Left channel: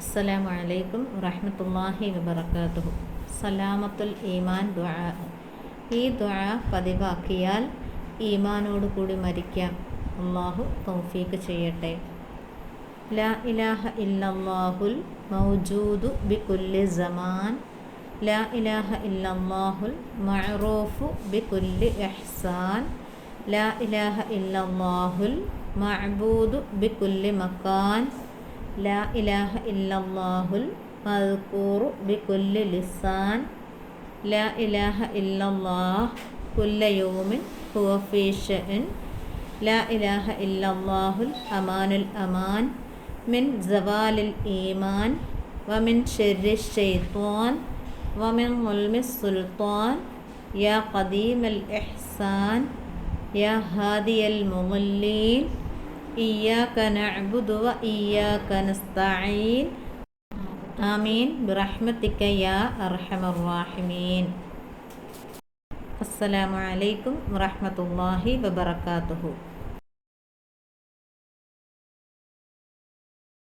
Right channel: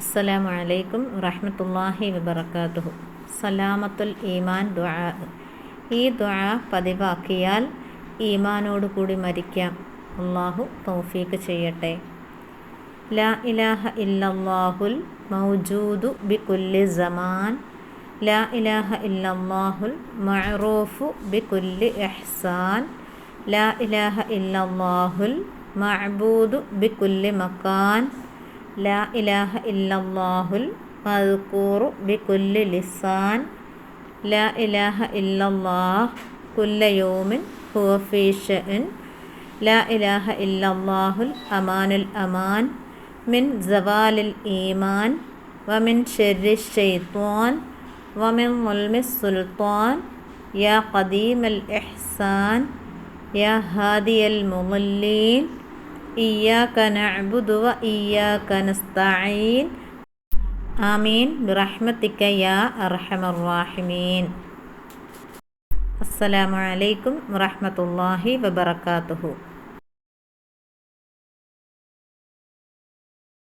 അസ്സലാമു അലൈക്കും വറഹ്മത്തുള്ളാഹി വബറകാതുഹു. സലാമത്തുൽ ഈമാൻ ദുആ. ഈ ദുആ പതിവാക്കിയാൽ ഈമാനോട് കൂടി മരിക്കാം. അല്ലാഹു തൗഫീഖ് ചെയ്യട്ടെ. ലാ ഇലാഹ ഇല്ലല്ലാഹുൽ മൗജൂദു ബികുല്ലി സമാൻ. ലാ ഇലാഹ ഇല്ലല്ലാഹുൽ മഅറൂഫു ബികുല്ലി ഇഹ്സാൻ. ലാ ഇലാഹ ഇല്ലല്ലാഹുൽ മഅബൂദു ബികുല്ലി മകാൻ. ലാ ഇലാഹ ഇല്ലല്ലാഹുൽ മദ്കൂറു ബികുല്ലി ലിസാൻ. ലാ ഇലാഹ ഇല്ലല്ലാഹ് കുല്ല യൗമിൻ ഹുവ ഫീ ശഅൻ. ലാ ഇലാഹ ഇല്ലല്ലാഹുൽ അമാനുൽ അമാൻ മിൻ സവാലിൽ ഈമാൻ വമിൻ ശർരി ശൈത്വാൻ വമിൻ മുൽമിസ് സുൽത്താൻ. യാ ഖദീമൽ ഇഹ്സാൻ യാ ഹാദിയൽ മുളല്ലീൻ. ഇയ്യാക നഅ്ബുദു വ ഇയ്യാക നസ്തഈൻ. ആമീൻ ബിറഹ്മതിക യാ അർഹമർ റഹീമീൻ. അസ്സലാമു അലൈക്കും വറഹ്മത്തുള്ളാഹി വബറകാതുഹു.